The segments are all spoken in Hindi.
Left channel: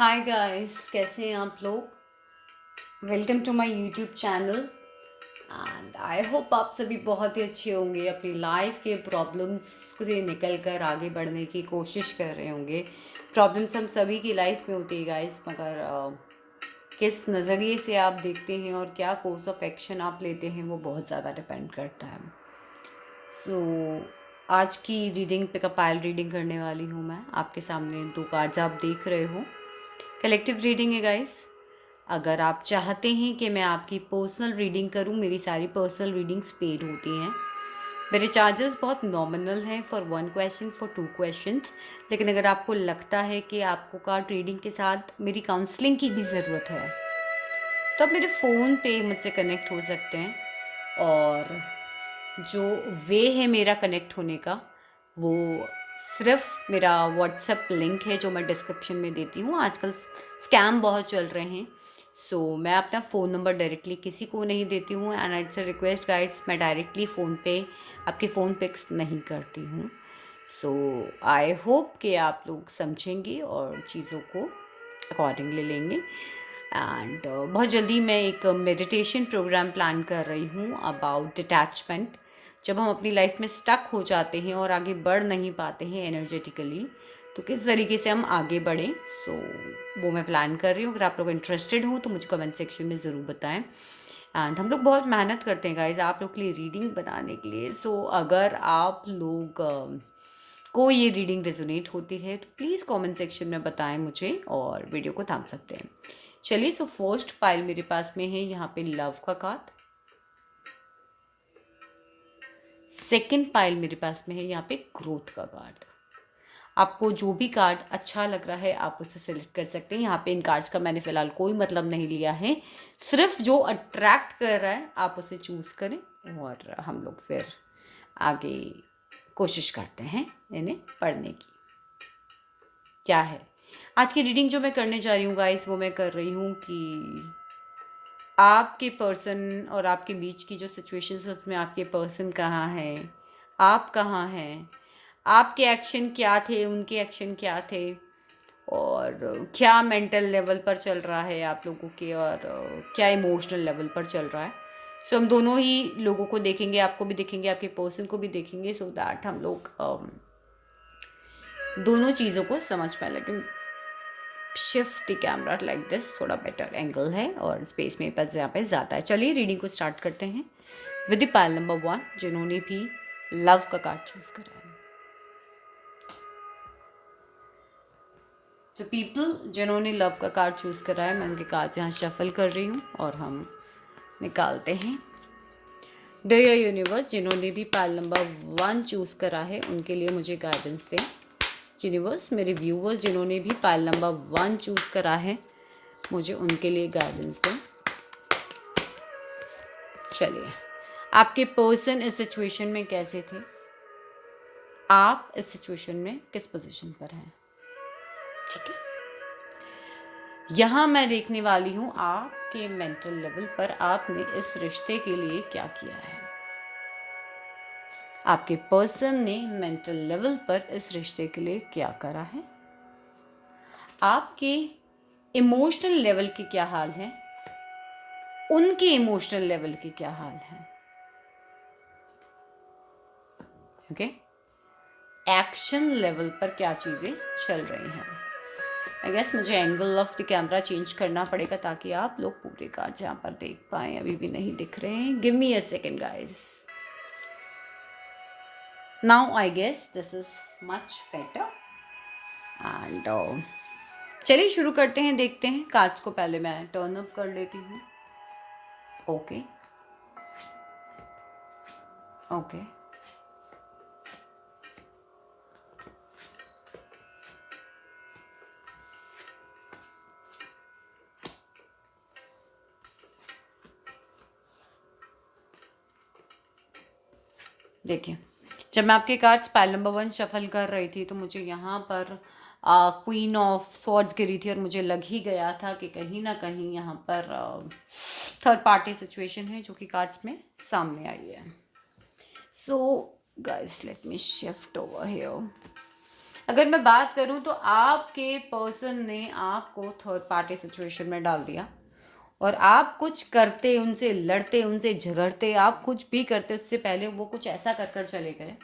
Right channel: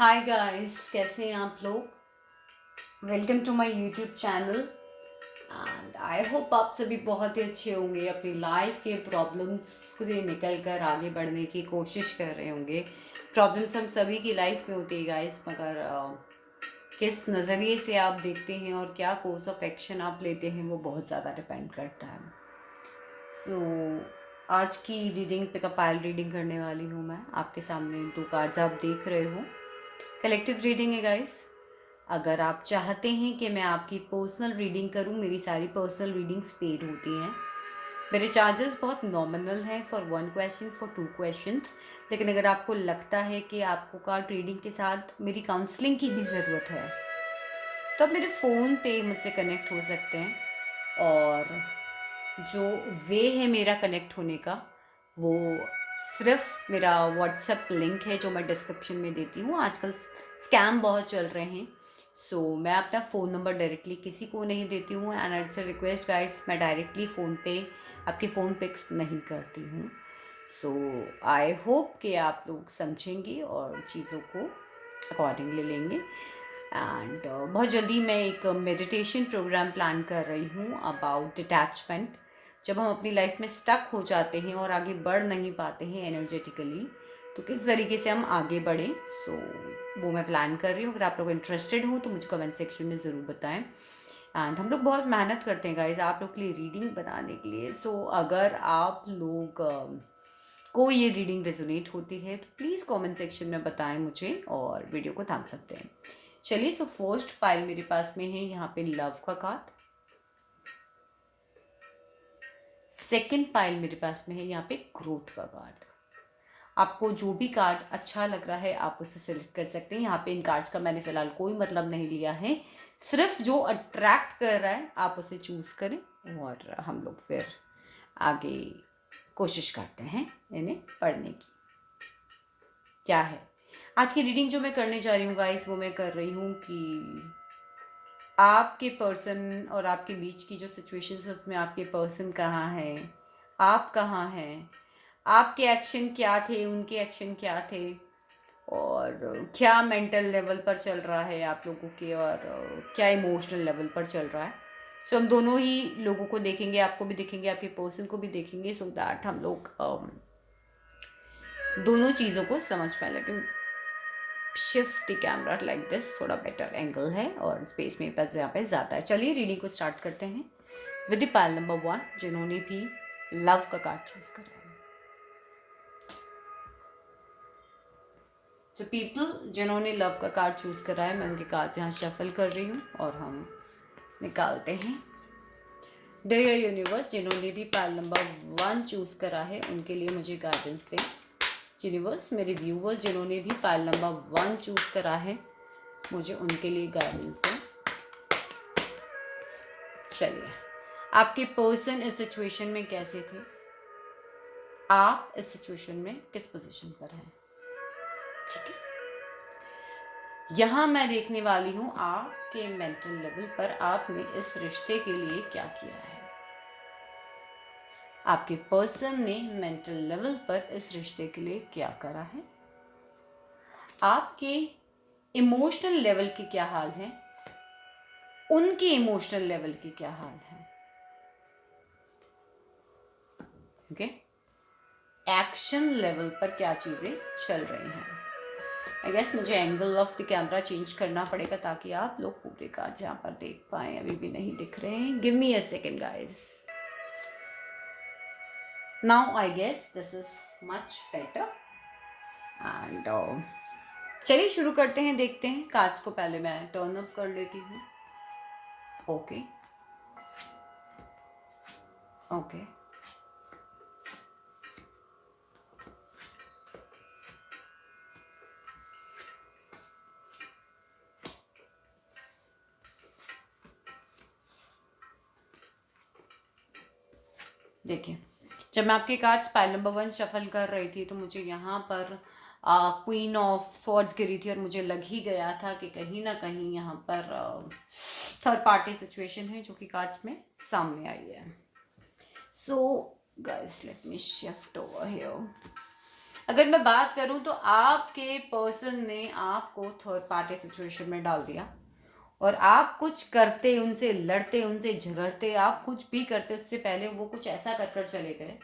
हाय गाइस, कैसे हैं आप लोग। Welcome to my YouTube channel and I hope आप सभी बहुत ही अच्छे होंगे। अपनी लाइफ के प्रॉब्लम्स से निकल कर आगे बढ़ने की कोशिश कर रहे होंगे। प्रॉब्लम्स हम सभी की लाइफ में होती है गाइस, मगर किस नज़रिए से आप देखते हैं और क्या कोर्स ऑफ एक्शन आप लेते हैं वो बहुत ज़्यादा डिपेंड करता है। आज की रीडिंग पे कंपाइल रीडिंग करने वाली हूँ मैं। आपके सामने दो कार्ड्स आप देख रहे हो, कलेक्टिव रीडिंग है गाइस। अगर आप चाहते हैं कि मैं आपकी पर्सनल रीडिंग करूं, मेरी सारी पर्सनल रीडिंग्स पेड होती हैं। मेरे चार्जेस बहुत नॉमिनल हैं फॉर 1 क्वेश्चन, फॉर 2 क्वेश्चंस। लेकिन अगर आपको लगता है कि आपको कार्ड रीडिंग के साथ मेरी काउंसलिंग की भी ज़रूरत है तो आप मेरे फ़ोन पे मुझसे कनेक्ट हो सकते हैं। और जो वे है मेरा कनेक्ट होने का, वो सिर्फ मेरा व्हाट्सएप लिंक है जो मैं डिस्क्रिप्शन में देती हूँ। आजकल स्कैम बहुत चल रहे हैं, मैं अपना फ़ोन नंबर डायरेक्टली किसी को नहीं देती हूँ। And it's a request guides, मैं डायरेक्टली फ़ोन पे आपके फ़ोन पिक्स नहीं करती हूँ। आई होप कि आप लोग समझेंगे और चीज़ों को अकॉर्डिंगली लेंगे। एंड बहुत जल्दी मैं एक मेडिटेशन प्रोग्राम प्लान कर रही हूँ अबाउट डिटैचमेंट। जब हम अपनी लाइफ में स्टक हो जाते हैं और आगे बढ़ नहीं पाते हैं एनर्जेटिकली, तो किस तरीके से हम आगे बढ़ें, वो मैं प्लान कर रही हूँ। अगर आप लोग इंटरेस्टेड हो तो मुझे कमेंट सेक्शन में ज़रूर बताएं। एंड हम लोग बहुत मेहनत करते हैं गाइज आप लोग के लिए रीडिंग बनाने के लिए। अगर आप लोग को ये रीडिंग रेजोनेट होती है तो प्लीज़ कमेंट सेक्शन में बताएं मुझे और वीडियो को थाम सकते हैं। चलिए, फर्स्ट पाइल मेरे पास में है यहाँ पे लव का कार्ड। सेकंड पाइल मेरे पास में है यहाँ पे ग्रोथ का कार्ड। आपको जो भी कार्ड अच्छा लग रहा है आप उसे सिलेक्ट कर सकते हैं। यहाँ पे इन कार्ड्स का मैंने फिलहाल कोई मतलब नहीं लिया है, सिर्फ जो अट्रैक्ट कर रहा है आप उसे चूज़ करें और हम लोग फिर आगे कोशिश करते हैं इन्हें पढ़ने की। क्या है आज की रीडिंग जो मैं करने जा रही हूँ गाइस, वो मैं कर रही हूँ कि आपके पर्सन और आपके बीच की जो सिचुएशंस है उसमें आपके पर्सन कहाँ है, आप कहाँ हैं, आपके एक्शन क्या थे, उनके एक्शन क्या थे, और क्या मेंटल लेवल पर चल रहा है आप लोगों के, और क्या इमोशनल लेवल पर चल रहा है। हम दोनों ही लोगों को देखेंगे, आपको भी देखेंगे, आपके पर्सन को भी देखेंगे, सो दैट हम लोग दोनों चीज़ों को समझ पाए। Let me shift the camera like this, थोड़ा बेटर एंगल है और स्पेस मेरे पास यहाँ पे ज़्यादा है। चलिए रीडिंग को स्टार्ट करते हैं विद द पाइल नंबर 1, जिन्होंने भी लव का कार्ड चूज करा है। जो पीपल जिन्होंने लव का कार्ड चूज करा है, मैं उनके कार्ड यहाँ शफल कर रही हूँ और हम निकालते हैं। डियर यूनिवर्स, जिन्होंने भी पाइल नंबर 1 चूज करा है उनके लिए मुझे गाइडेंस दें। यूनिवर्स, मेरे व्यूवर्स जिन्होंने भी पाइल नंबर 1 चूज करा है मुझे उनके लिए गाइडेंस दें। चलिए, आपके पर्सन इस सिचुएशन में कैसे थे, आप इस सिचुएशन में किस पोजीशन पर हैं। ठीक है, यहां मैं देखने वाली हूं आपके मेंटल लेवल पर आपने इस रिश्ते के लिए क्या किया है। आपके पर्सन ने मेंटल लेवल पर इस रिश्ते के लिए क्या करा है। आपके इमोशनल लेवल के क्या हाल है, उनके इमोशनल लेवल के क्या हाल है। ओके, एक्शन लेवल पर क्या चीजें चल रही हैं। आई गेस मुझे angle of the camera change करना पड़ेगा ताकि आप लोग पूरे कार्ड यहाँ पर देख पाएं। अभी भी नहीं दिख रहे हैं। Give me a second guys. Now I guess this is much better. And चलिए शुरू करते हैं, देखते हैं। कार्ड्स को पहले मैं टर्न अप कर लेती हूँ। ओके ओके, देखिए, जब मैं आपके कार्ड्स पाइल नंबर 1 शफल कर रही थी तो मुझे यहाँ पर क्वीन ऑफ स्वॉर्ड्स गिरी थी और मुझे लग ही गया था कि कहीं ना कहीं यहाँ पर थर्ड पार्टी सिचुएशन है जो कि कार्ड्स में सामने आई है। So guys, let me shift over here. अगर मैं बात करूं तो आपके पर्सन ने आपको थर्ड पार्टी सिचुएशन में डाल दिया, और आप कुछ करते, उनसे लड़ते, उनसे झगड़ते, आप कुछ भी करते उससे पहले वो कुछ ऐसा कर कर चले गए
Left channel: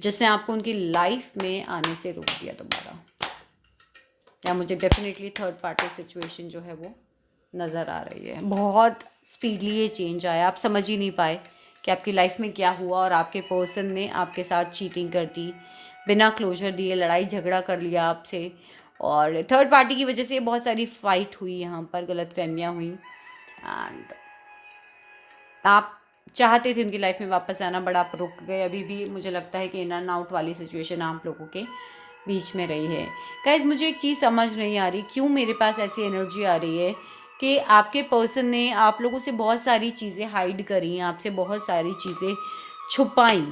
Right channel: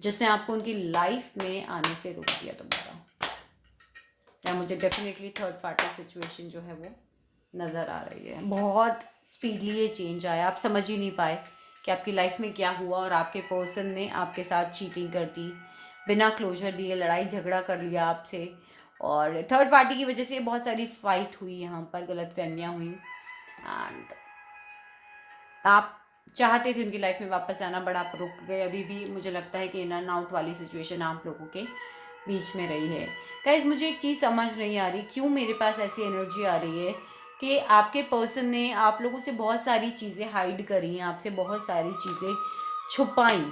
जिसने आपको उनकी लाइफ में आने से रोक दिया दोबारा। या मुझे डेफिनेटली थर्ड पार्टी सिचुएशन जो है वो नज़र आ रही है। बहुत स्पीडली ये चेंज आया, आप समझ ही नहीं पाए कि आपकी लाइफ में क्या हुआ, और आपके पर्सन ने आपके साथ चीटिंग कर दी, बिना क्लोजर दिए लड़ाई झगड़ा कर लिया आपसे, और थर्ड पार्टी की वजह से बहुत सारी फाइट हुई, यहाँ पर गलतफहमियाँ हुई, एंड आप चाहते थे उनकी लाइफ में वापस आना, बट आप रुक गए। अभी भी मुझे लगता है कि इन एंड आउट वाली सिचुएशन आप लोगों के बीच में रही है। गाइस, मुझे एक चीज़ समझ नहीं आ रही, क्यों मेरे पास ऐसी एनर्जी आ रही है कि आपके पर्सन ने आप लोगों से बहुत सारी चीज़ें हाइड करी, आपसे बहुत सारी चीज़ें छुपाई,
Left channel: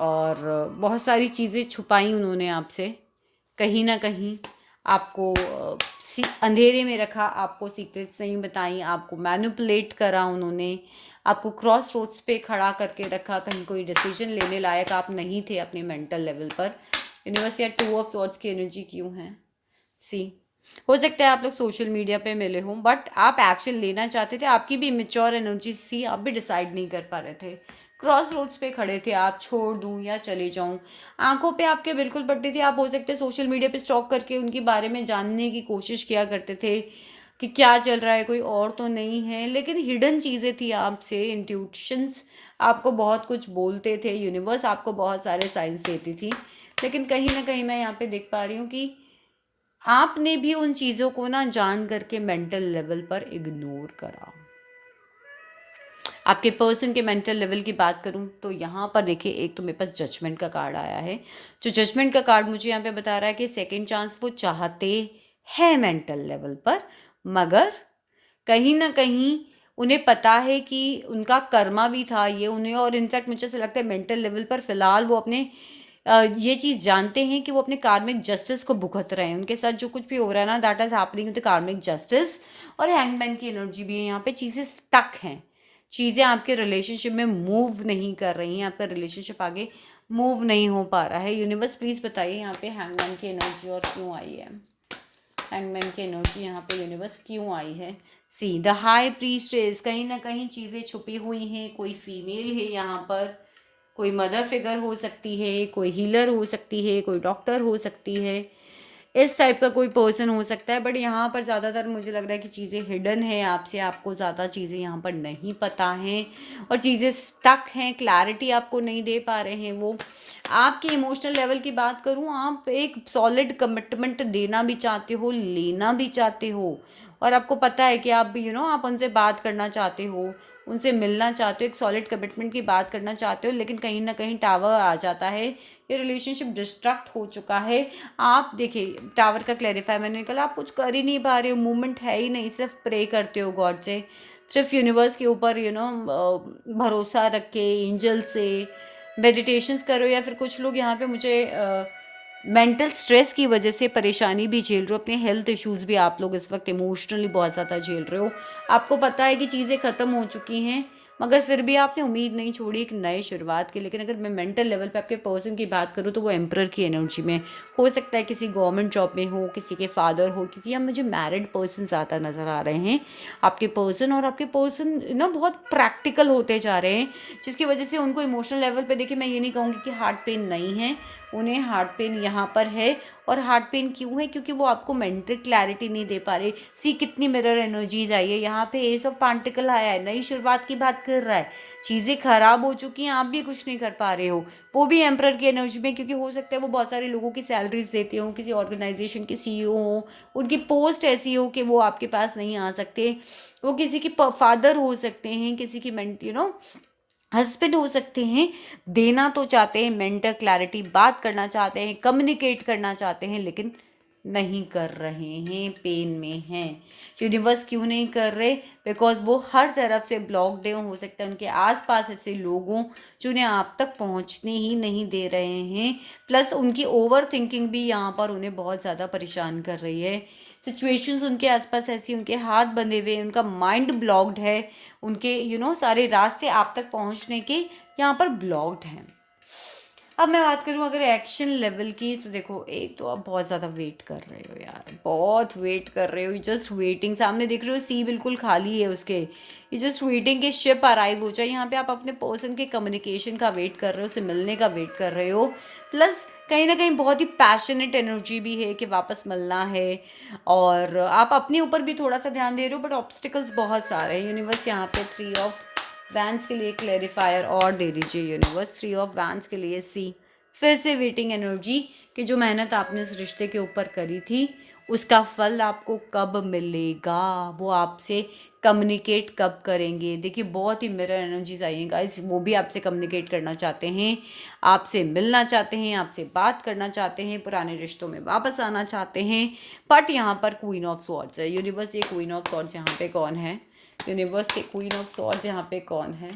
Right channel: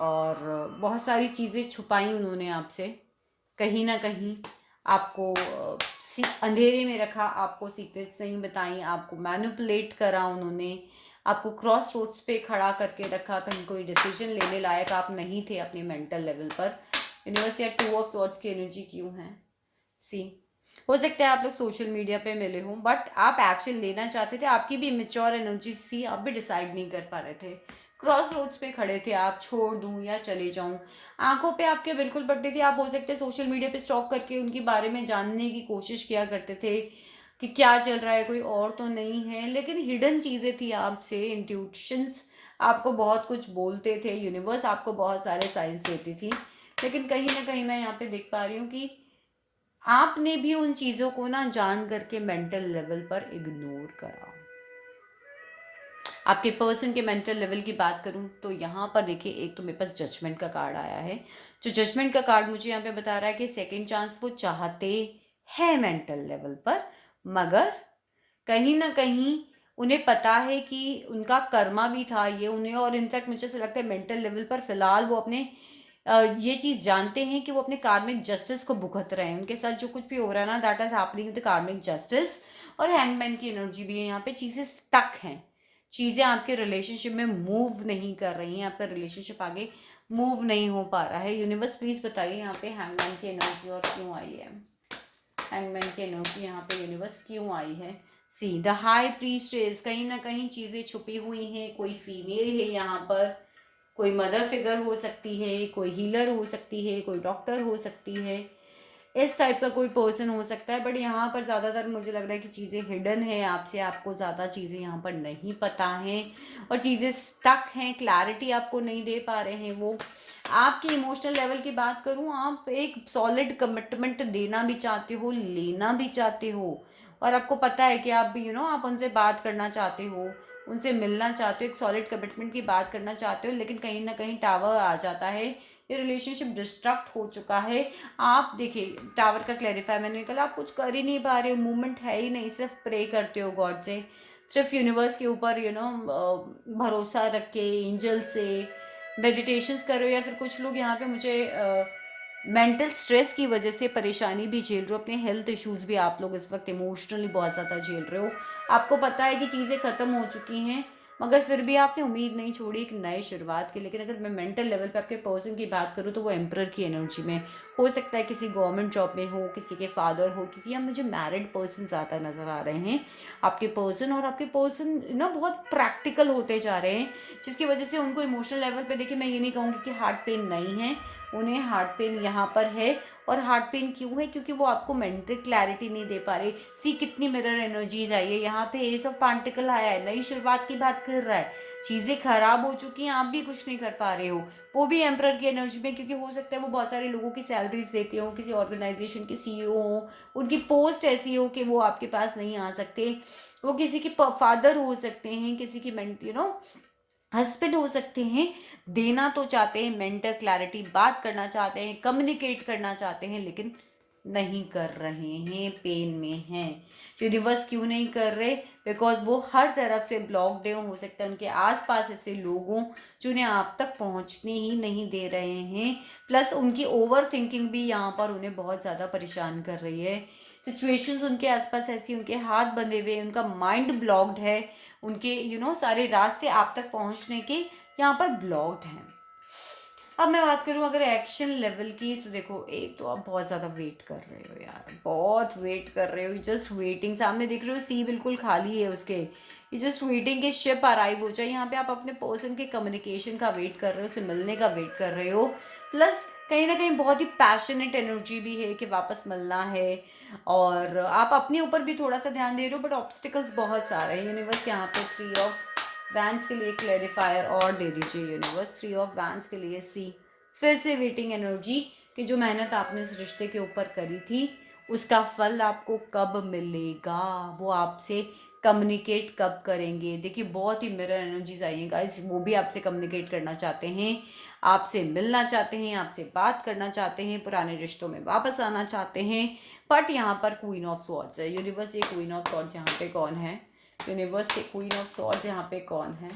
और बहुत सारी चीज़ें छुपाई उन्होंने आपसे, कहीं ना कहीं आपको अंधेरे में रखा, आपको सीक्रेट्स नहीं बताई, आपको मैनिपुलेट करा उन्होंने, आपको क्रॉस रोड्स पे खड़ा करके रखा, कहीं कोई डिसीजन लेने लायक आप नहीं थे अपने मेंटल लेवल पर। यूनिवर्स या 2 ऑफ सॉर्ड्स की एनर्जी क्यों है? सी, हो सकता है आप लोग सोशल मीडिया पे मिले हों, बट आप एक्शन लेना चाहते थे, आपकी भी इमेच्योर एनर्जी थी, आप भी डिसाइड नहीं कर पा रहे थे, क्रॉस रोड्स पे खड़े थे, आप छोड़ दूं या चले जाऊं, आंखों पे आपके बिल्कुल पड़ती थी। आप हो सकते हैं सोशल मीडिया पे स्टॉक करके उनके बारे में जानने की कोशिश किया करते थे कि क्या चल रहा है, कोई और तो नहीं है, लेकिन हिडन चीज़ें थी आपसे, इंट्यूशंस आपको बहुत कुछ बोलते थे, यूनिवर्स आपको बहुत सारे साइंस देती थी, लेकिन कहीं ना कहीं मैं यहाँ पे देख पा रही हूँ कि आपने भी उन चीज़ों को ना जान करके मेंटल लेवल पर इग्नोर करा। आपके पर्सन के मेंटल लेवल की बात करूं तो यहाँ पर देखिए, एक तो मेरे पास जजमेंट का कार्ड आया है, जो जजमेंट का कार्ड मुझे यहाँ पे बता रहा है कि सेकंड चांस वो चाहते हैं मेंटल लेवल पर, मगर कहीं ना कहीं उन्हें पता है कि उनका कर्मा भी था ये उन्हें, और इनफैक्ट मुझे ऐसा लगता है मेंटल लेवल पर फिलहाल वो अपने ये चीज़ जानते हैं कि वो अपने कार्मिक जस्टिस को भुगत रहे हैं, उनके साथ जो कुछ भी हो रहा है ना, दैट इज हैपनिंग विद कार्मिक जस्टिस। और हैंगमैन की एनर्जी भी है यहाँ पे, चीज़ें स्टक हैं, चीज़ें आपके रिलेशनशिप में मूव नहीं कर रही हैं, आपका रिलेशनशिप आगे मूव नहीं हो पा रहा है। यूनिवर्स प्लीज़ बताइए यहाँ पे हैंगमैन की एनर्जी और क्यों आई है, हैंगमैन की एनर्जी यहाँ पे यूनिवर्स क्यों आई है? सी द हाई प्रीस्टेस, कहीं ना कहीं चीज़ें छुपी हुई हैं, कोई फीमेल है यहाँ पर, कोई मदर फिगर हो सकती है, कोई हीलर हो सकती है, कोई डॉक्टर हो सकती है, इस टाइप का कोई पर्सन हो सकता है, बट यहाँ पर ज़्यादातर मुझे लग रहा है कि चीज़ें हिडन है आपसे, आपको ज़्यादा चीज़ें यहाँ पर नहीं पता हैं, और चीज़ें स्टक हैं, क्लैरिटी आपको नहीं दे पा रहे हैं वो। आपकी इमोशनल लेवल की बात करूँ, आप एक सॉलिड कमिटमेंट देना भी चाहते हो, लेना भी चाहते हो, और आपको पता है कि आप भी आप उनसे बात करना चाहते हो, उनसे मिलना चाहते हो, एक सॉलिड कमिटमेंट की बात करना चाहते हो, लेकिन कहीं ना कहीं टावर आ जाता है, ये रिलेशनशिप डिस्ट्रक्ट हो चुका है। आप देखिए, टावर का क्लैरिफाई मैंने निकला, आप कुछ कर ही नहीं पा रहे हो, मूवमेंट है ही नहीं, सिर्फ प्रे करते हो गॉड से, सिर्फ यूनिवर्स के ऊपर भरोसा रख के, एंजल से मेडिटेशंस करो, या फिर कुछ लोग यहाँ पे मुझे मेंटल स्ट्रेस की वजह से परेशानी भी झेल रहे हो, अपने हेल्थ इश्यूज भी आप लोग इस वक्त इमोशनली बहुत ज़्यादा झेल रहे हो, आपको पता है कि चीज़ें ख़त्म हो चुकी हैं, मगर फिर भी आपने उम्मीद नहीं छोड़ी एक नए शुरुआत की। लेकिन अगर मैं मेंटल लेवल पे आपके पर्सन की बात करूँ तो वो एम्परर की एनर्जी में हो सकता है, किसी गवर्नमेंट जॉब में हो, किसी के फादर हो, क्योंकि यहाँ मुझे मैरिड पर्सन ज़्यादा नज़र आ रहे हैं आपके पर्सन, और आपके पर्सन ना बहुत प्रैक्टिकल होते जा रहे हैं, जिसकी वजह से उनको इमोशनल लेवल पे देखिए, मैं ये नहीं कहूँगी कि हार्ट पेन नहीं है, उन्हें हार्ट पेन यहाँ पर है। और हार्ट पेन क्यों है? क्योंकि वो आपको मेंटल क्लैरिटी नहीं दे पा रहे। सी कितनी मिरर एनर्जीज आई है यहाँ पे, एस ऑफ पेंटिकल आया है, नई शुरुआत की बात कर रहा है, चीज़ें खराब हो चुकी हैं, आप भी कुछ नहीं कर पा रहे हो, वो भी एम्परर की एनर्जी में, क्योंकि हो सकता है वो बहुत सारे लोगों की सैलरीज देते हो, किसी ऑर्गेनाइजेशन के सीईओ हो, उनकी पोस्ट ऐसी हो कि वो आपके पास नहीं आ सकते, वो किसी के फादर हो सकते हैं, किसी की हस्बैंड हो सकते हैं, देना तो चाहते हैं मेंटल क्लैरिटी, बात करना चाहते हैं, कम्युनिकेट करना चाहते हैं, लेकिन नहीं कर रहे हैं, पेन में हैं। यूनिवर्स क्यों नहीं कर रहे? बिकॉज वो हर तरफ से ब्लॉकड है, हो सकता है उनके आसपास ऐसे लोगों जो उन्हें आप तक पहुंचने ही नहीं दे रहे हैं, प्लस उनकी ओवर थिंकिंग भी यहाँ पर उन्हें बहुत ज़्यादा परेशान कर रही है। सिचुएशंस उनके आसपास ऐसी, उनके हाथ बंधे हुए, उनका माइंड ब्लॉक्ड है, उनके सारे रास्ते आप तक पहुंचने के यहाँ पर ब्लॉक्ड हैं। अब मैं बात करूँ अगर एक्शन लेवल की, तो देखो एक तो आप बहुत ज़्यादा वेट कर रहे हो यार, बहुत वेट कर रहे हो, जस्ट वेटिंग। सामने देख रहे हो सी बिल्कुल खाली है उसके, ये जस्ट वेटिंग कि शिप अराइव हो जाए। यहाँ पे आप अपने पर्सन के कम्युनिकेशन का वेट कर रहे हो, उससे मिलने का वेट कर रहे हो। प्लस कहीं ना कहीं बहुत ही पैशनेट एनर्जी भी है कि वापस मिलना है, और आप अपने ऊपर भी थोड़ा सा ध्यान दे रहे हो, बट ऑब्स्टिकल्स बहुत सारे हैं। यूनिवर्स यहाँ पे 3 ऑफ वैंस के लिए क्लेरिफायर और दे दीजिए यूनिवर्स। 3 ऑफ वैंस के लिए सी, फिर से वेटिंग एनर्जी कि जो मेहनत आपने इस रिश्ते के ऊपर करी थी उसका फल आपको कब मिलेगा, वो आपसे कम्युनिकेट कब करेंगे। देखिए बहुत ही मिरर एनर्जीज आई हैं गाइस, वो भी आपसे कम्युनिकेट करना चाहते हैं, आपसे मिलना चाहते हैं, आपसे बात करना चाहते हैं, पुराने रिश्तों में वापस आना चाहते हैं। बट यहाँ पर क्वीन ऑफ स्वॉर्ड्स है यूनिवर्स। ये क्वीन ऑफ स्वॉर्ड्स यहाँ पे कौन है यूनिवर्स? के क्वीन ऑफ स्वॉर्ड्स यहाँ पे कौन है?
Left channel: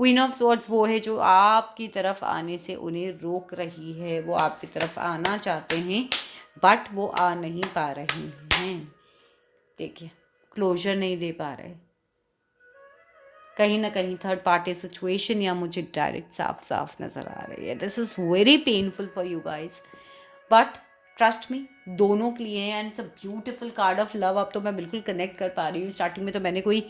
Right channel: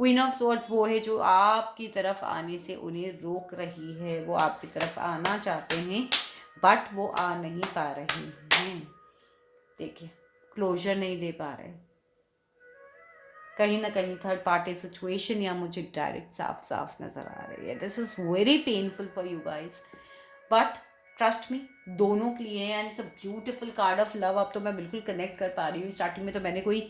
क्वीन ऑफ स्वॉर्ड्स वो है जो आपकी तरफ आने से उन्हें रोक रही है। वो आपकी तरफ आना चाहते हैं बट वो आ नहीं पा रहे हैं। देखिए क्लोजर नहीं दे पा रहे, कहीं ना कहीं थर्ड पार्टी सिचुएशन या मुझे डायरेक्ट साफ साफ नज़र आ रही है। This is very painful for you guys, but trust me दोनों के लिए and it's a beautiful card of love. अब तो मैं बिल्कुल कनेक्ट कर पा रही हूँ। स्टार्टिंग में तो मैंने कोई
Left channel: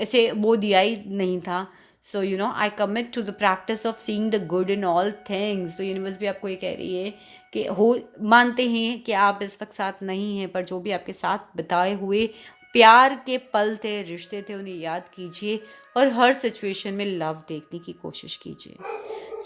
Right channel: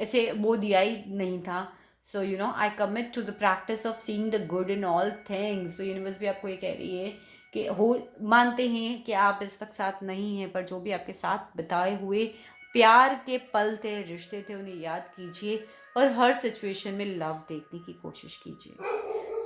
ऐसे वो दिया ही नहीं था। So you know I commit to the practice of seeing the good in all things. तो यूनिवर्स भी आपको ये कह रही है कि हो मानते हैं कि आप इस वक्त साथ नहीं हैं, पर जो भी आपके साथ बिताए हुए प्यार के पल थे, रिश्ते थे, उन्हें याद कीजिए और हर सिचुएशन में लव देखने की कोशिश कीजिए।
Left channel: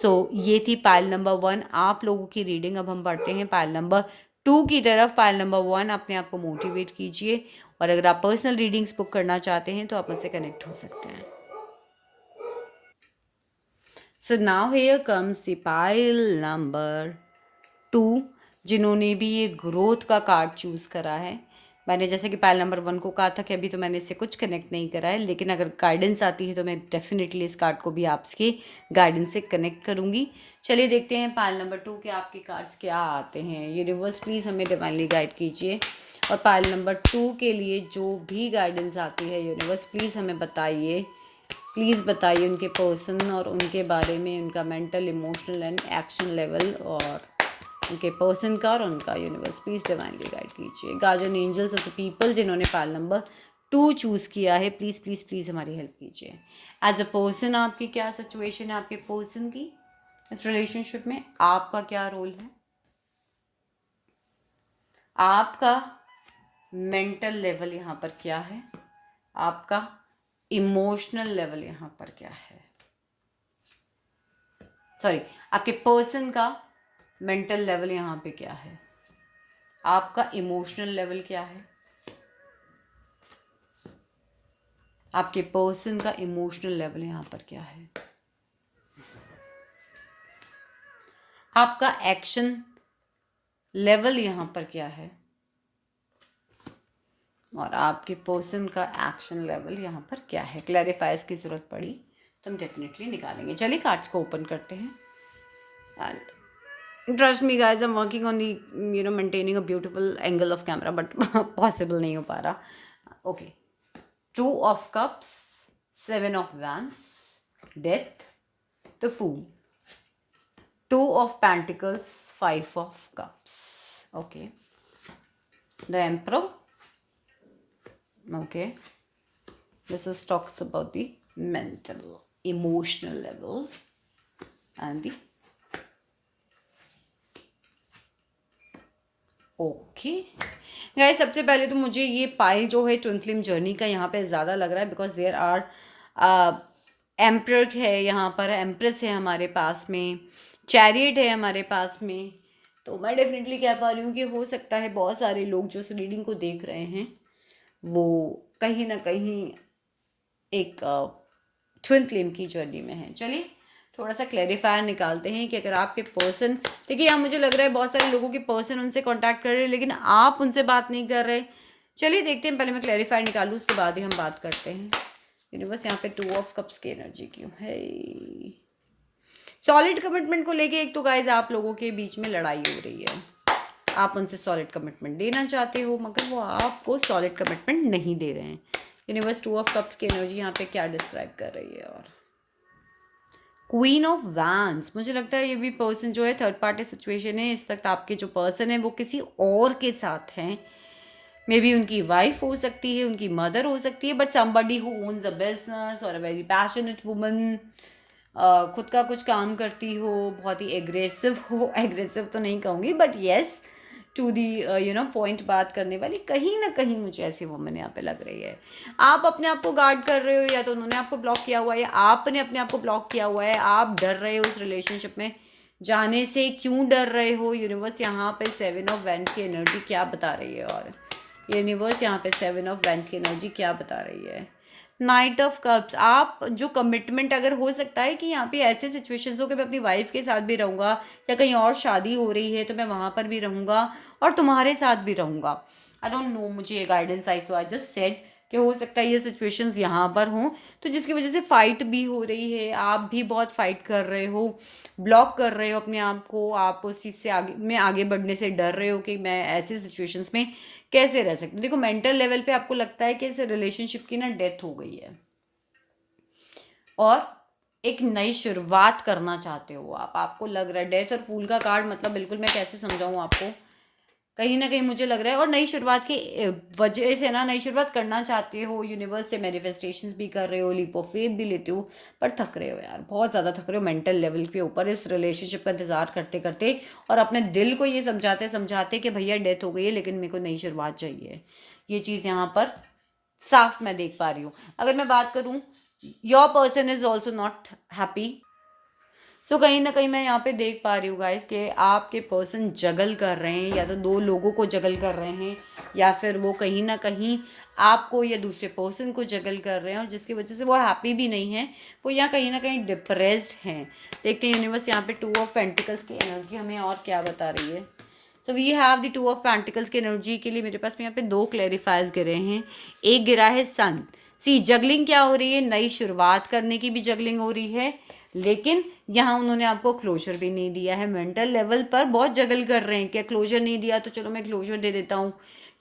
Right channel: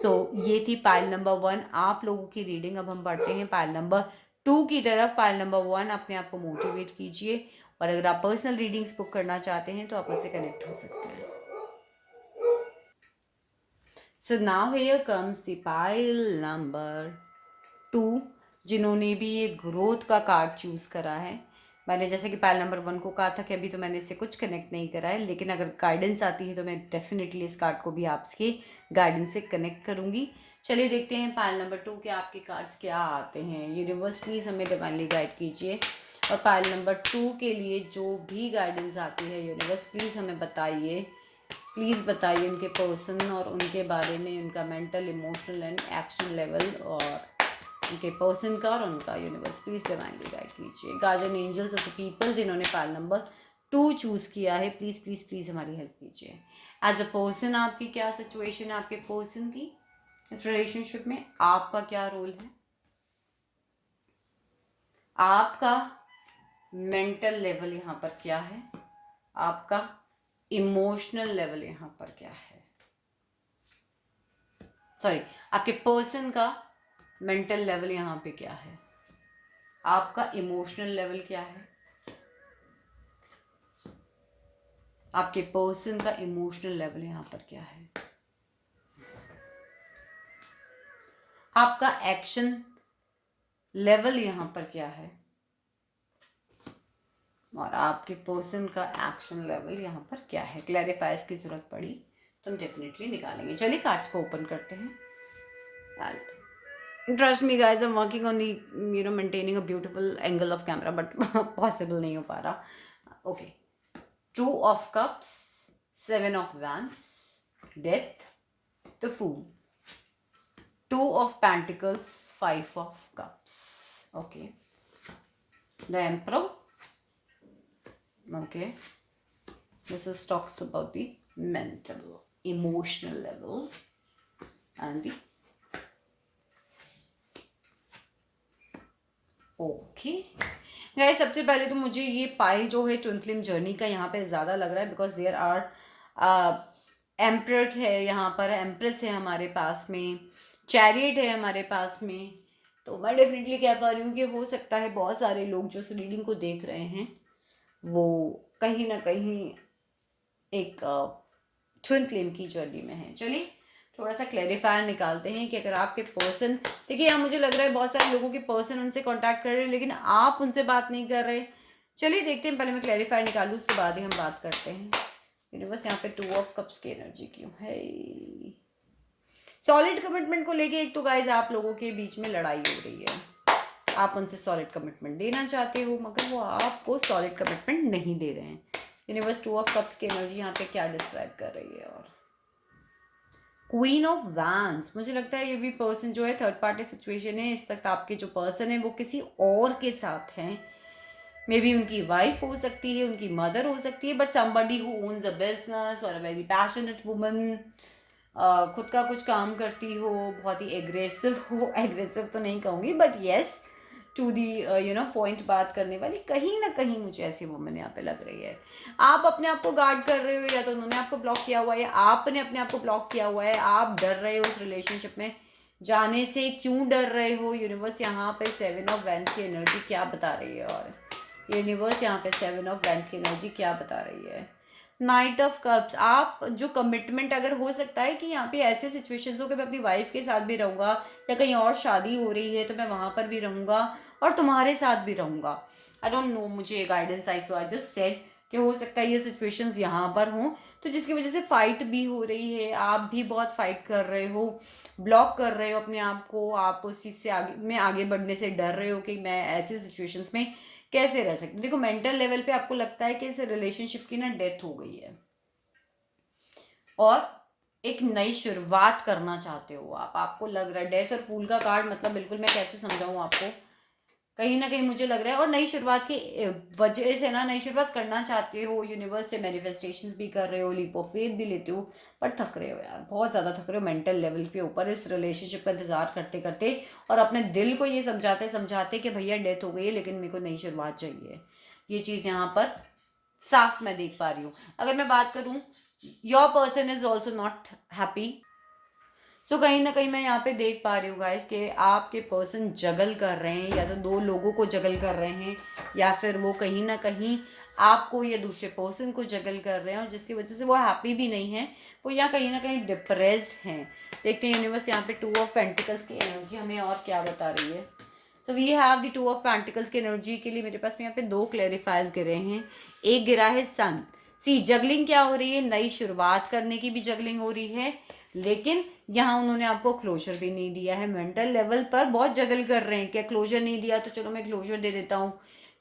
सो ये थी पाइल नंबर 1 आप लोगों की रीडिंग। अब हम बढ़ते हैं पाइल नंबर 2 की तरफ। पाइल नंबर 1 अपने आप को मोटिवेट कीजिए, और अगर आप पर्सनल रीडिंग्स बुक करना चाहते हैं तो आप मुझसे कनेक्ट हो सकते हैं। So now here comes the pile number 2, जिन्होंने भी ये ग्रोथ का कार्ड चूज़ करा है। मैंने जैसे कि पाइल नंबर 1 को कहा था कि अभी तो मैंने इससे कुछ कनेक्ट नहीं करा है, लेकिन अगर गाइडेंस आती है तो मैं डेफिनेटली इस कार्ड को भी आपके गाइडेंस से कनेक्ट करूँगी। चलिए देखते हैं पाइल नंबर 2 के आपके कार्ड्स क्या आते हैं। यूनिवर्स प्लीज़ हमें डिवाइनली गाइड कीजिए, और पाइल नंबर 2 के लिए जो भी गाइडेंस आती है यूनिवर्स प्लीज़ हमें बताइए। प्लीज़ बताइए उनके पर्सन और उनके बारे में, उनका mental emotional and action level, और उनके पर्सन का और उनका। यूनिवर्स प्लीज़ डिवाइनली गाइड कीजिए। Guardian angels of the people जिन्होंने पाइल नंबर 2 चूज़ किया है, प्लीज़ प्लीज़ प्लीज़ हमारी हेल्प कीजिए। एज अ पर्सन आपकी क्या सिचुएशन है, आपके पर्सन की इस रिलेशनशिप में आपका क्या रोल है, आपका मेंटल लेवल यहाँ पर क्या है, आपका इमोशनल लेवल यहाँ पर क्या है, सॉरी आपके पर्सन का मेंटल लेवल यहाँ पे क्या है, आपका इमोशनल लेवल क्या है, आपके पर्सन का इमोशनल लेवल यहाँ पर क्या है, आपका एक्शन लेवल यहाँ पर क्या है, और आपके पर्सन का एक्शन लेवल यहाँ पर क्या है। क्लैरिफायर्स की ज़रूरत पड़ी तो हम डेफिनेटली निकालेंगे। चलिए कार्ड्स को ओपन करते हैं। And trust me guys, I am working on the maintaining a beautiful angle of camera, but possible नहीं हो पा रहा। Okay, 2 of cups, 7 of wands, death, the fool, 2 of pentacles, 5 of cups. Okay, the emperor. Okay, this is talks about the mental, emotional level and the okay guys, सबसे पहले तो मुझे ये पाइल जो है ट्विन फ्लेम जर्नी का यहाँ पे ज़्यादा लग रहा है, बिकॉज देयर आर एम्प्रर है यहाँ पर, एम्प्रेस है हमारे पास में, चैरियट है हमारे पास में। तो मैं डेफिनेटली कह पा रही हूँ कि हो सकता है बहुत सारे लोग जो इस रीडिंग को देख रहे हैं वो कहीं ना कहीं एक ट्विन फ्लेम की जर्नी में है। चलिए थोड़ा सा क्लैरिफायर निकालते हैं कि अगर आपके पर्सन, देखिए यहाँ मुझे लग रहा है बहुत सारे लोगों के पर्सन उनसे कांटेक्ट कर रहे हैं लेकिन आप उनसे बात नहीं कर रहे। चलिए देखते हैं, पहले मैं क्लैरिफायर निकालूँ उसके बाद ही हम बात करते हैं। यूनिवर्स यहाँ पे 2 ऑफ कप्स की एनर्जी क्यों है? सॉलिड कमिटमेंट को लेके एक तो गाइज आप लोगों के बीच में लड़ाई हो रही है, आप उनसे सॉलिड कमिटमेंट देना चाहते हो मगर वो आपको सॉलिड कमिटमेंट नहीं दे रहे हैं। यूनिवर्स 2 ऑफ कप्स की एनर्जी यहाँ पे क्या डिस्क्राइब कर रही है? और क्वीन ऑफ वैंड्स, मुझे लगता है ये भी पर्सन जो है थर्ड पार्टी सिचुएशन है इस वक्त। आपके जो पर्सन है वो किसी और के साथ हैं, मे बी उनकी वाइफ हो सकती है, उनकी मदर हो सकती है, but somebody who owns a business और अ वेरी पैशनेट वुमन, खुद का कुछ काम करती हो, बहुत ही एग्रेसिव हो एग्रेसिव तो नहीं कहूँगी but yes to the point बात करने वाली, कहीं ना कहीं मुझे ऐसी वुमन यहाँ पे लग रही है। आप अपने आप को गार्ड कर रहे हो, या तो उन्होंने आपको ब्लॉक किया हुआ है या आपने अपने आप को ब्लॉक किया हुआ है। आप डर रहे हो उस रिलेशनशिप में जाने से, क्यों डर रहे हो? यूनिवर्स यहाँ पे 7 ऑफ वैंड्स की एनर्जी क्या बता रही है, और यूनिवर्स यहाँ पे 7 ऑफ वैंड्स की एनर्जी क्या बता रही है? नाइट ऑफ कप्स, आप जो कमिटमेंट, अगर हो सकता है कि यहाँ पे ऐसे सिचुएशंस हो कि मैं अपनी वाइफ के साथ भी रहूँगा, या कहीं और शादी हो रही है तो मैं वहाँ पर भी रहूँगा और तुम्हारे साथ भी रहूँगा। आई डोंट नो, मुझे ये guidance I so I just said कि हो सकता है ये सिचुएशंस यहाँ पर हों, तो जिसकी वजह से फाइट भी हो रही है, आप भी बहुत फाइट कर रहे हो, ब्लॉक कर रहे हो अपने आप को, आप उस चीज़ से आगे बढ़ने से डर रहे हो कि मैं ऐसे सिचुएशंस में कैसे रह सकते हो। देखो मेंटल लेवल पे आपको लगता है कि इस रिलेशनशिप की ना डेथ हो गई है और एक नई शुरुआत करना चाहते हो आप। आपको लग रहा है डेथ और फूल का कार्ड, मतलब बिल्कुल मैं कैसे समझाऊं आपको, कहीं ना कहीं मुझे लग रहा है और नई शुरुआत की वजह से ना, नई शुरुआत करना चाहते हो, यूनिवर्स से मैनिफेस्टेशंस भी कर रहे हो, लीप ऑफ फेथ भी लेते हो, पर थक रहे हो यार, बहुत ज़्यादा थक रहे हो मेंटल लेवल के ऊपर इस रिलेशनशिप का इंतजार करते करते, और अपने दिल को ये समझाते समझाते कि भैया डेथ हो गई है लेकिन मेरे को नई शुरुआत चाहिए। ये चीज़ यहाँ पर साफ मैं देख पा रही हूँ। अगर मैं बात करूँ, your person is also not happy. So कहीं ना कहीं मैं यहाँ पे देख पा रही हूँ गाइस कि आपके पर्सन जगल कर रहे हैं, या तो दो लोगों को जगल कर रहे हैं, या फिर वो कहीं ना कहीं आपको या दूसरे पर्सन को जगल कर रहे हैं, और जिसकी वजह से वो हैप्पी भी नहीं है, वो यहाँ कहीं ना कहीं डिप्रेस्ड हैं। देखते हैं यूनिवर्स यहाँ पे 2 ऑफ पेंटिकल्स की एनर्जी हमें और क्या बता रही है। So we have the 2 of pentacles की एनर्जी के लिए मेरे पास में यहाँ पे 2 क्लेरिफायर्स गिरे हैं। एक गिरा है सन। सी जगलिंग क्या हो रही है, नई शुरुआत करने की भी जगलिंग हो रही है, लेकिन यहाँ उन्होंने आपको क्लोजर भी नहीं दिया है। मेंटल लेवल पर बहुत जगल कर रहे हैं, क्या क्लोजर नहीं दिया तो चलो मैं क्लोजर दे देता हूँ,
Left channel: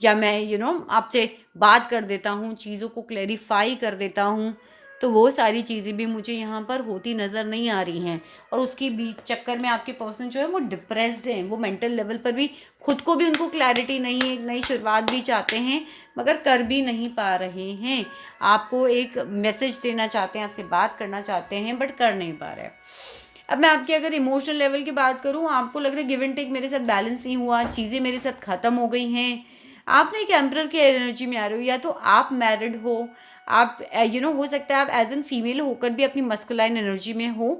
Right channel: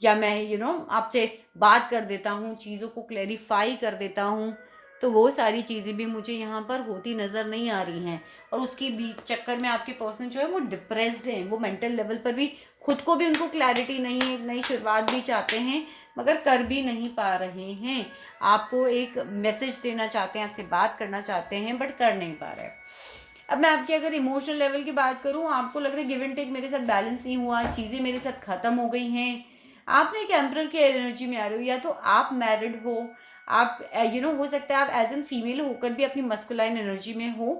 या मैं आपसे बात कर देता हूँ, चीज़ों को क्लैरिफाई कर देता हूँ। तो वो सारी चीज़ें भी मुझे यहाँ पर होती नज़र नहीं आ रही हैं, और उसके बीच चक्कर में आपके पर्सन जो है वो डिप्रेस्ड हैं, वो मेंटल लेवल पर भी खुद को भी उनको क्लैरिटी नहीं है, एक नई शुरुआत भी चाहते हैं मगर कर भी नहीं पा रहे हैं। आपको एक मैसेज देना चाहते हैं, आपसे बात करना चाहते हैं बट कर नहीं पा रहे। अब मैं आपके अगर इमोशनल लेवल की बात करूँ, आपको लग रहा है गिव एंड टेक मेरे साथ बैलेंस नहीं हुआ, चीज़ें मेरे साथ ख़त्म हो गई हैं। आप ना एक एम्परर की एनर्जी में आ रहे हो, या तो आप मैरिड हो, आप हो सकता है आप एज एन फीमेल होकर भी अपनी मस्कुलाइन एनर्जी में हो।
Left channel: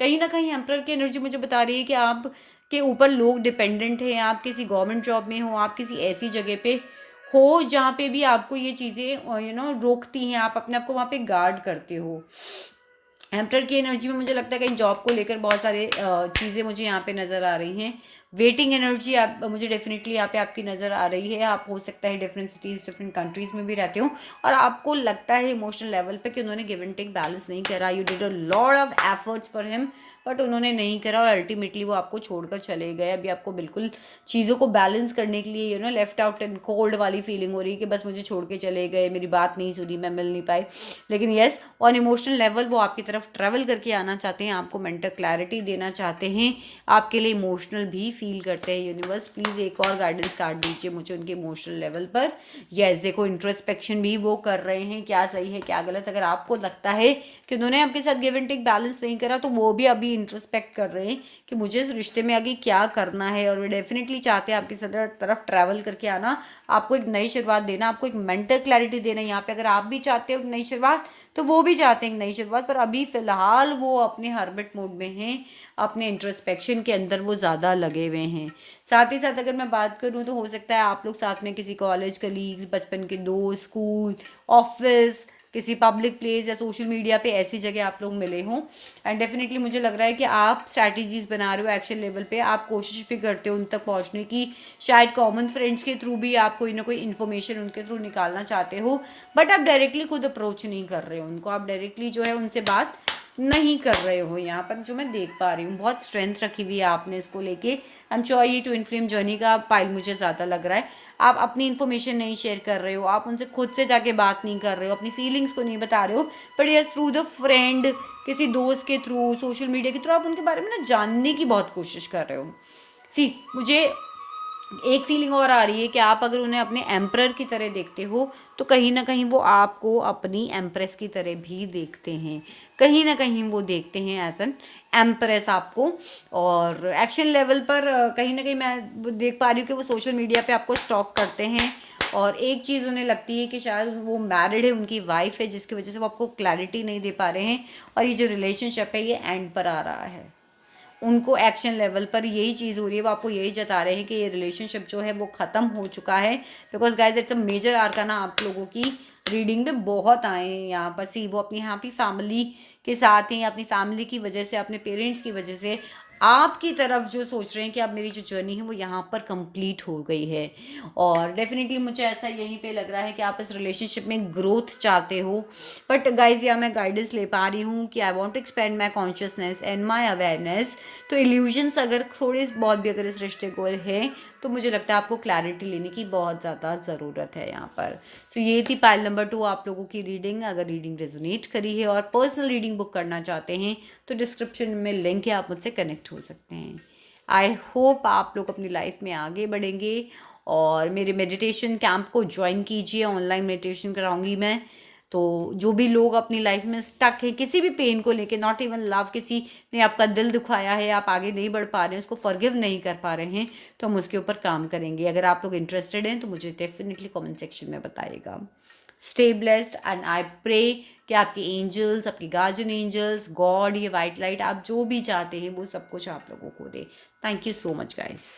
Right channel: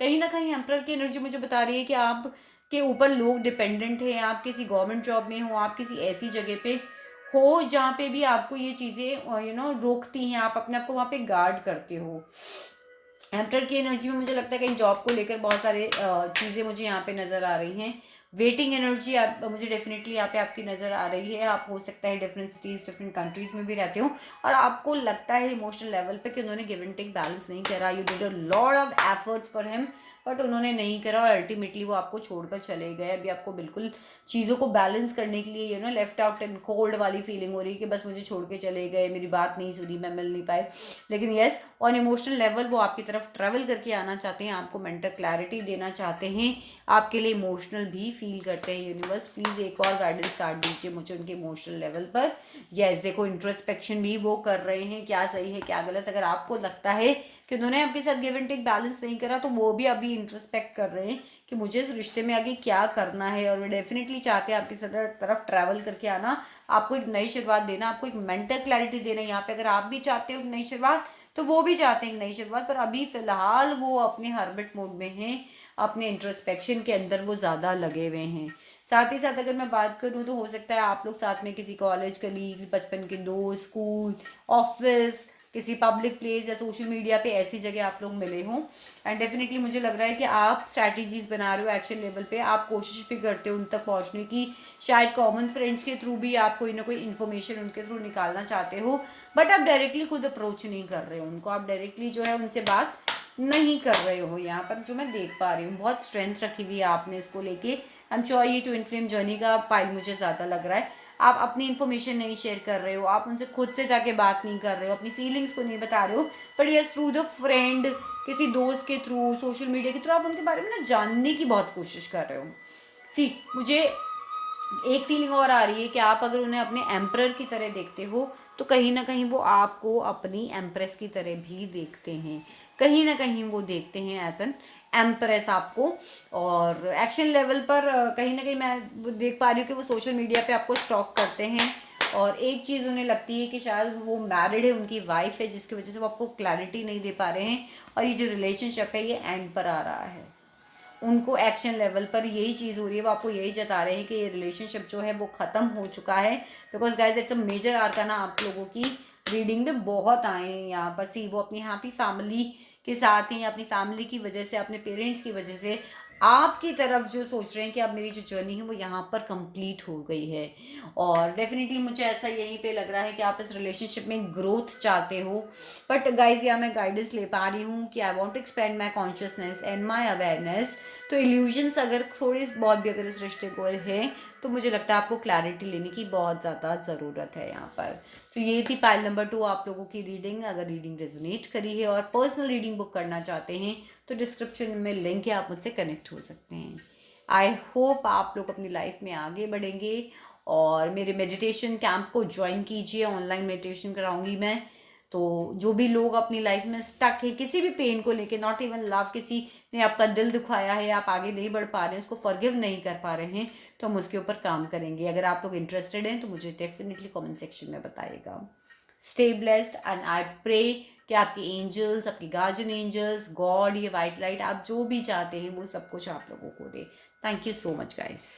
कहीं ना कहीं एम्परर की एनर्जी मुझे बता रही है कि आप के ऊपर लोग डिपेंडेंट हैं, आप किसी गवर्नमेंट जॉब में हो, आप किसी ऐसी जगह पे हो जहाँ पे भी आपको ये चीज़ें रोकती हैं, आप अपने आप को वहाँ पे गार्ड करते हो। एम्परर की एनर्जी में मुझे लगता है कहीं जॉब को लेकर बहुत सारे चीज़ें मुझे यहाँ पे नज़र आ रही हैं। वेटिंग एनर्जी आप मुझे डेफिनेटली यहाँ पे आपकी नज़र आ रही है। आप हो सकता है डिफरेंट सिटीज़ डिफरेंट कंट्रीज़ में भी रहते हो, और आपको लगता है इमोशनल लेवल पे कि उन्होंने गिव एंड टेक बैलेंस नहीं करा। You did a lot of efforts for him, but उन्होंने नहीं करा और अल्टीमेटली वो आपको छोड़कर चले गए। अभी आपको बिल्कुल चीज़ों को बैलेंस करने के लिए लेफ्ट आउट एंड कोल्ड वाली फीलिंग हो रही है कि बस मुझे छोड़ के चले गए, मेरी बात नहीं सुनी, मैं मिल नहीं पाई। लेकिन येस, ऑन इमोशनल लेवल वो आपकी तरफ ट्रैवल करके आना चाहते हैं, आपको मेंटल क्लैरिटी देना चाहते हैं, आपके लिए इमोशनल भी फील करते हैं। यूनिवर्स प्लीज़ एक और गाइडेंस कार्ड दीजिए मुझे उनके इमोशनल लेवल पर। यस, देखो इंट्रोस्पेक्शन भी वो कर रहे हैं, क्या सही है क्या गलत। अगर आपको लगता है कि उन्होंने आपके साथ गिव एंड टेक बैलेंस नहीं करा, तो वो भी अभी इंट्रोस्पेक्ट कर रहे हैं कि मुझे इस रिश्ते में आगे क्या करना है, और वो डेफिनेटली चाहते हैं आपकी तरफ ट्रैवल करके आना, आपको एक नई शुरुआत देना, आपको एक मेंटल क्लैरिटी देना। यहाँ पे अगर आप भी चाहते हो एक नई शुरुआत, तो वो भी चाहते हैं एक नई शुरुआत, पर अभी फिलहाल वो अपने हर्बिट मोड में हैं, अपने इंट्रोस्पेक्शन के अंदर वो ज़्यादा लगे हुए हैं। साथ ही साथ अगर मैं बात करूँ तो हो सकता है आप लोग साथ में किसी कॉलेज कलीग्स, बचपन के दोस्त, स्कूल, ऑफिस, किसी पब्लिक प्लेस या सोशल मीडिया पे ऐसी जगह आप लोग मिले हों। एंड डेफिनेटली मुझे लग रहा है कि आप स्ट्रैटेजीज बना रहे हो एक्शन लेवल पे, आप कोशिश भी करते हो उन तक पहुंचने की, शायद कॉमन फ्रेंड्स के थ्रू भी आप कोई ना कोई इन्फॉर्मेशन उनके थ्रू निकालना चाहते हो, बट आप डायरेक्टली खुद अप्रोच नहीं कर रहे हो उनको, आप डायरेक्टली जो है उनसे बात नहीं कर रहे हो यहाँ पर, जो मैं देख पा रही हूँ। बहुत स्ट्रेंथ रखी हुई है आपने इसको लेके। आई एम श्योर ये ट्विन फ्लेम जर्नी का पाइल मुझे ज़्यादा लग रहा है। आप अपनी इन्फॉर्मेशन नहीं शेयर कर रहे हो, आप उनसे खुद से जाके बात नहीं कर रहे हो, अपनी फीलिंग्स को नहीं बता रहे हो, but yes through the friend, किसी दोस्त के थ्रू, सोशल मीडिया के थ्रू आप उनके बारे में ना जानने की बहुत कोशिश कर रहे हो। सी, मुझे एक फीलिंग और आ रही है कि आप अगर उन्हें अपने एम्परर की तरह देखते हो, तो कहीं ना कहीं वो आपको अपनी एम्प्रेस की तरह भी देखते हैं। कहीं ना कहीं वो देखते हैं एज एन एम्प्रेस आपको। और एक्शन लेवल पर कहीं ना कहीं मैं देख पा रही हूँ कि वो सोशल मीडिया पे आपको स्टॉक करते हैं। और एक चीज़ उन्हें लगती है कि शायद वो मैरिड है, उनकी वाइफ है, जिसकी वजह से वो आपको क्लैरिटी नहीं दे पा रहे हैं। और ये जो रिलेशनशिप है ये एंड पर आ रहा है। उनको एक्शन लेवल पर यही चीज़ हो रही है, वो आपको यही जता रहे हैं कि ये रिलेशनशिप जो है वो ख़त्म हो चुका है। Because guys it's a major arcana आप लोगों की रीडिंग में बहुत आए हैं यहाँ पर। सी, वो अपनी हैप्पी फैमिली के साथ ही, अपनी फैमिली की वजह से, अपने पेरेंट्स की वजह से आपकी तरफ जो सोच रहे हैं कि अब मेरी जो जर्नी है वो यहाँ पर कंप्लीट हो गई है। और डेफिनेटली मुझे ऐसा यहीं पे लग रहा है कि आप इस रिलेशनशिप में ग्रोथ चाहते हो। बट गाइज यहाँ मैं गाइडेंस ले पा रही हूँ कि I want to expand my consciousness and my awareness. तो इल्यूजन्स अगर थोड़ी बहुत भी अगर इस रिश्ते को है, तो मुझे लगता है आपको क्लैरिटी लेने की बहुत ज़्यादा ज़रूरत है यहाँ पर। तो ये थी पाइल नंबर 2 आप लोगों की रीडिंग। अगर रीडिंग रेजोनेट करी है और पर्सनल रीडिंग बुक करना चाहते हैं, तो डिस्क्रिप्शन में लिंक है, आप मुझसे कनेक्ट हो सकते हैं। आई होप आप लोग अपनी लाइफ में आगे बढ़ेंगे और मेरे मेडिटेशन कैंप को ज्वाइन कीजिए। ऑनलाइन मेडिटेशन कराऊंगी मैं। तो जो भी लोग अपनी लाइफ में स्टक है किसी भी पेन को लेके, नॉट इवन लव, किसी ने आपका दिल दुखाया है, आप आगे नहीं बढ़ पा रहे हैं, उसको फॉरगिव नहीं कर पा रहे हैं, तो हम उसके ऊपर काम करेंगे। अगर आप लोग इंटरेस्टेड हैं तो मुझे डेफिनेटली कमेंट सेक्शन में बताइएगा। Stay blessed and I pray कि आपके एंजल्स, आपके गार्जियन एंजल्स, गॉड, ये वाइट लाइट, आप जो भी चाहते हैं वो सब कुछ आप लोगों को दे। Thank you so much guys.